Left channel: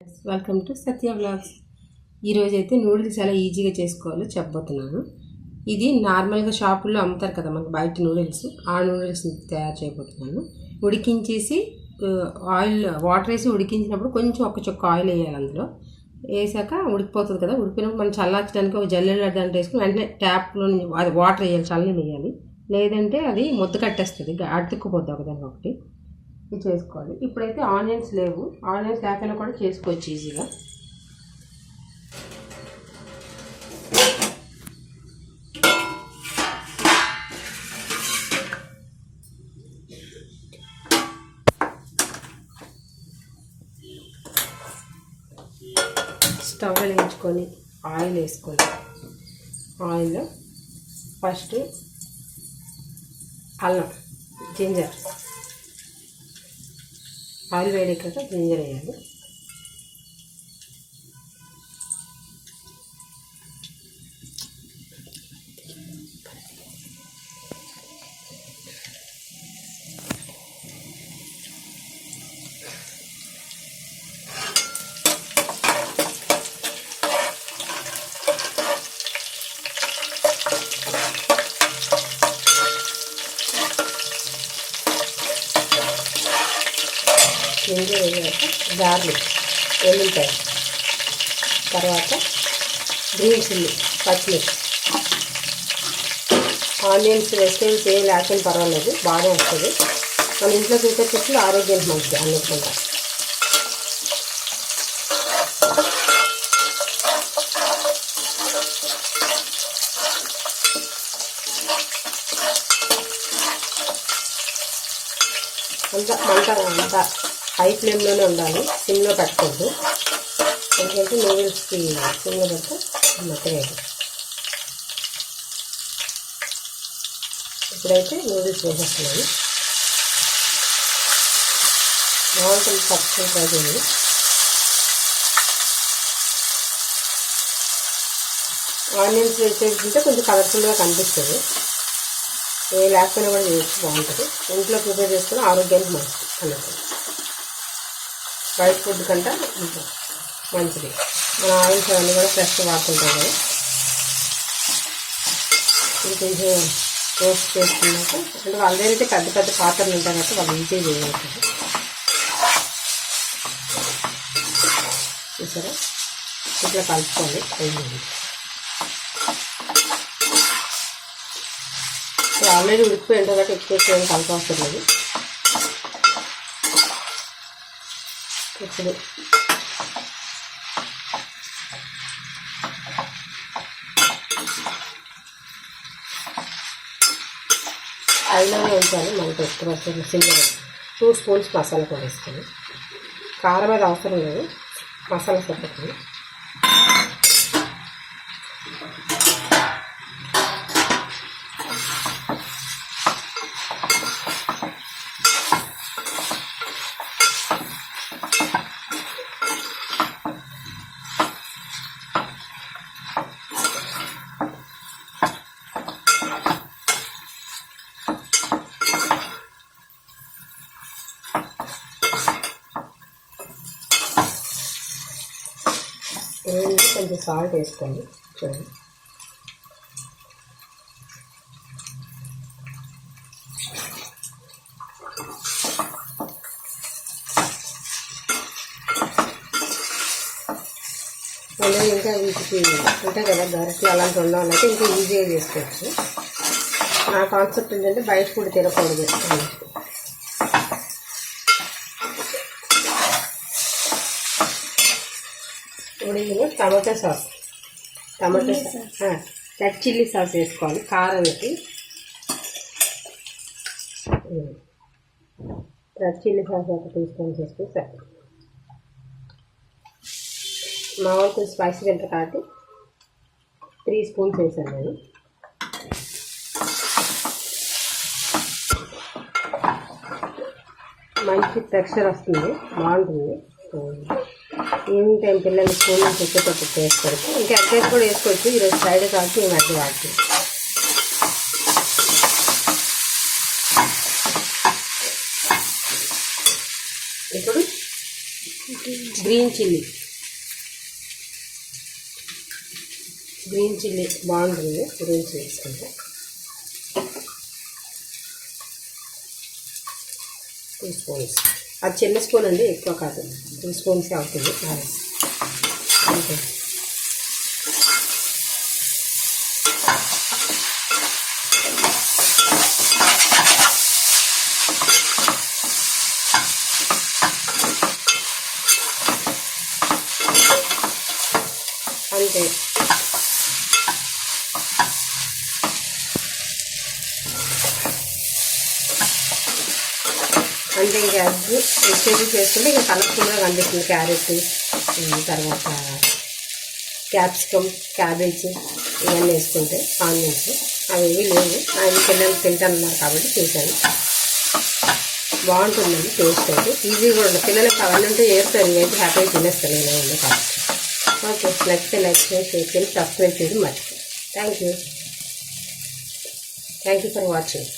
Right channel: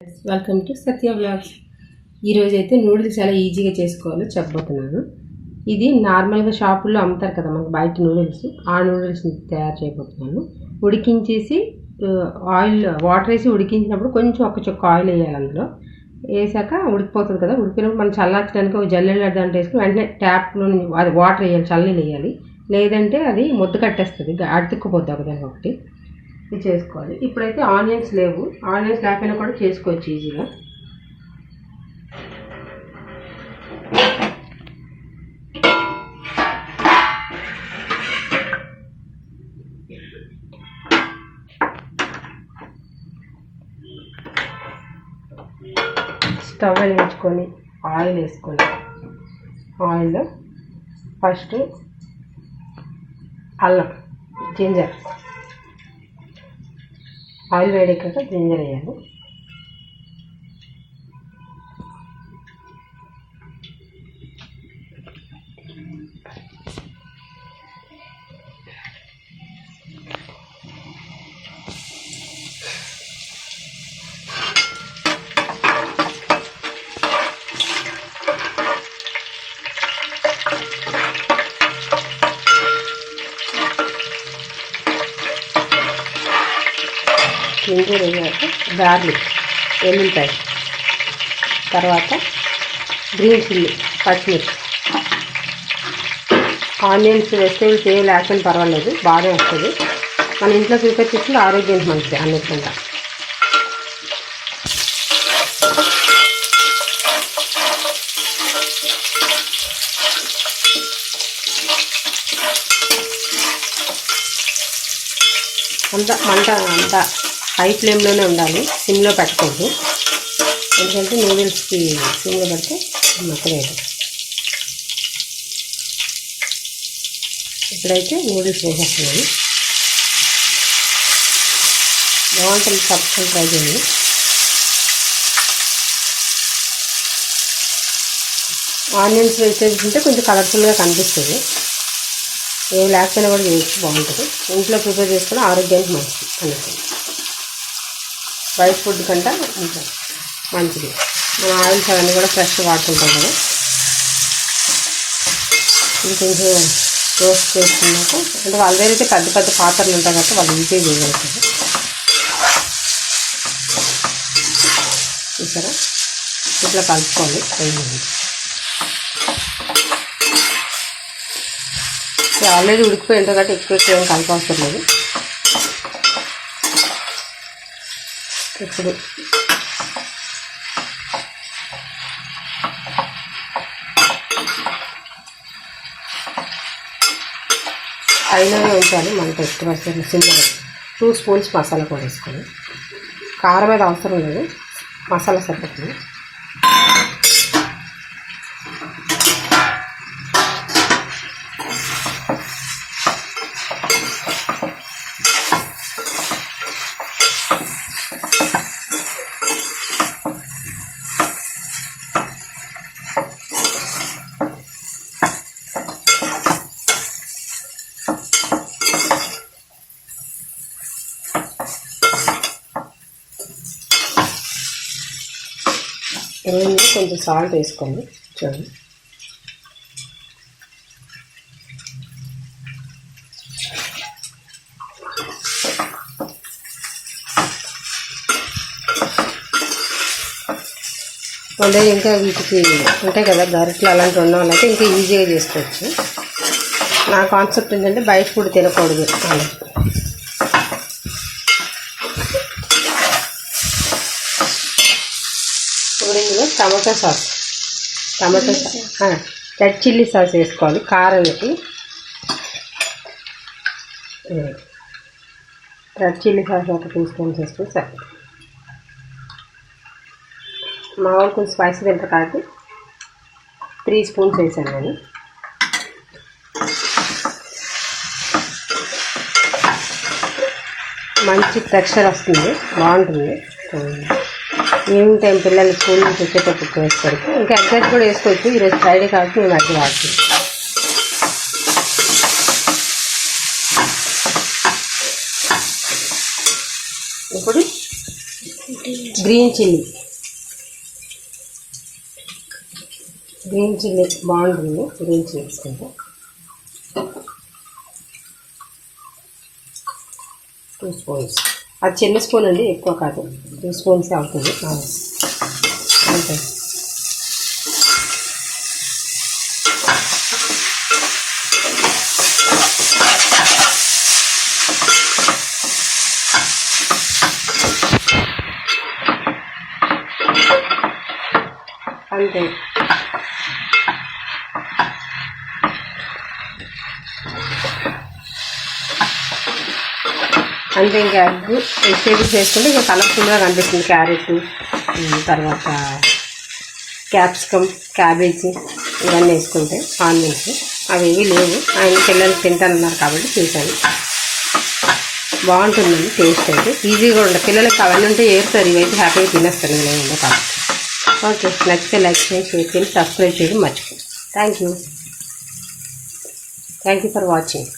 Welcome to Satya vlogs. ఈరోజు అయితే noodles ఎలా ఈజీగా చేసుకోవాలో చెప్పబోతున్నాను. ఇది నార్మల్గా షాపుల్లో అమ్ముతారు కదా మనకు బయట నూడిల్స్, ఆ నూడిల్స్ని తయారు చేయబోతున్నాను. ఉడికించేసి వాటర్ వేసి ఉడికించినప్పుడు కొంచెం ఒక చుక్క ఆయిల్ వేయాలి. అందులో వేసాక ఉడికిపోతుంది కదా, ఉడికినప్పుడు మనం చల్లార్చడానికి ఒక జల్లెడ దాంట్లో వేసుకుని వెంటనే ట్యాప్లో అది వాటర్ వేయాలి, చల్లనీళ్ళు వేయాలి. లేదంటే అది ముద్ద కట్టేస్తుంది, అతుక్కుపోద్ది ఒకదానికొకటి. ఇది చేసుకోవాలి. ఇప్పుడైతే ఆనియన్స్ లేవు, ఆనియన్స్ లేకపోయినా కూడా చేసుకోవచ్చు ఈజీగా. స్టవ్ వెలిగించుకొని ఆయిల్ వేసుకొని, ఆయిల్లో ఫస్ట్ అల్లం, జింజర్, ఆయిల్ వేడెక్కాక జింజర్ వేయాలి. జింజర్ వేయాక గార్లిక్, ఎల్లుల్లిపాయ, తర్వాత గ్రీన్ చిల్లీ, పచ్చిమిర్చి, ఆనియన్స్, వెజిటేబుల్స్ ఏమి లేకుండా పర్వాలేదు, బాగా వస్తుంది. మన ఇంట్లో ప్రిపేర్ చేస్తే ఆరోగ్యానికి మంచిది అన్నిటికంటే. అంత హై ఫ్లేమ్లోనే ఉండాలి, సిమ్లో పెట్టకూడదు. ఎందుకంటే నూడిల్స్కి సిమ్లో పెడితే మెత్తగా. ఇప్పుడైతే నూడిల్స్ వేసేస్తున్నాను. బాగుంటుంది, తప్పకుండా ట్రై చేయండి. ఆనియన్స్ వెజిటేబుల్స్ ఉంటే కొంచెం కలర్ఫుల్గా కనిపిస్తుంది. ఏ లేకపోయినా కూడా చేయొచ్చు, బాగుంటుంది. ఇంట్లో ప్రిపేర్ చేసుకుని ఆరోగ్యానికి మంచిది అన్నట్టు, బయట ఫుడ్ కంటే ఇంకా మంచిది. మన ఆయిల్స్ అవన్నీ కూడా ఫ్రెష్ వాడుతుంటాం కదా. కొంచెం రోస్ట్ చేసుకున్నాక, అంటే వాళ్ళ దగ్గర పెద్ద పెద్ద పాత్రలు ఉంటాయి కాబట్టి వాళ్ళు ఈజీగా చేయగలుగుతారు. చూసారా, ఇట్లా కలుపుకోండి. ఆల్రెడీ ఉడికిపోయి ఉంటుంది కాబట్టి ఎక్కువ ఏం కలపవసరం లేదు. ఇప్పుడు అయినవి ఉంచాలి మనకు ఎక్కువ సిమ్లో. 2 స్పూన్స్ మసాలా కూడా వేసుకొని, కారం మీద అవసరం లేదు, మసాలా సరిపోతుంది. కొంచెం సాల్ట్ వేసుకోండి. చూడండి, అంటే ఇంకా వీటికి ఉంటాయి కదా గరిటలు, అలాంటివి ఉన్న వాళ్ళైతే ఇంకా ఈజీగా చేసుకోవచ్చు. నా కాన్సెప్ట్ ఏంటంటే బయట ఫుడ్ తినకూడదు. ఇప్పుడు ఇందులో tomato sauce, red chilli sauce వేసుకోవాలి కారానికి. రెడ్ చిల్లీ సాస్ ఒక 2 స్పూన్స్ వేసుకొని సరే. మా వాళ్ళు కొంచెం స్పైసీ తింటారు కాబట్టి 3 స్పూన్స్ వేసాను నేను. మంచి టెక్స్చర్ వస్తుంది, బాగుంటుంది. ఈవినింగ్ టైం పిల్లలు స్కూల్ నుంచి వచ్చేటప్పుడు వేసుకోవచ్చు. ఇంకా ఎగ్స్ కూడా వేసుకోవచ్చు. ఈరోజు ఫ్రైడే కాబట్టి మేము ఎగ్ వాడుతుంది. ఇప్పుడు గ్రీన్ చిల్లీ బాగుంటుంది. గ్రీన్ చిల్లీ వేసుకుంటే 2 స్పూన్స్. అది చిన్న స్పూన్ అండి, ఎక్కువ కాదు. 2 స్పూన్స్ అవుతుంది. అంతే. అంతే. అంటే ఇంకా వెజిటేబుల్స్ వేసుకుంటే ఇంకా కలర్ఫుల్గా కనిపిస్తుంది. క్యారెట్, తర్వాత క్యాప్సికమ్, క్యాబేజీ ఇవన్నీ వేసుకుంటే, ఆనియన్స్ అవేవి లేవు. ఆయన పిల్లలు తింటానన్నారు కాబట్టి చేశాను. బాగుంటుందండి టేస్ట్ అయితే. ఈజీగా ఉంటుంది. పిల్లలకి అవన్నీ ఉంటే ఏరుతారు, ఇవైతే హ్యాపీగా తినేస్తారు. ఇవన్నీ కాబట్టి ఓకే. నచ్చితే లైక్ చేయండి, షేర్ చేయండి, సబ్స్క్రైబ్ చేయడం మర్చిపోండి. Thank you for watching.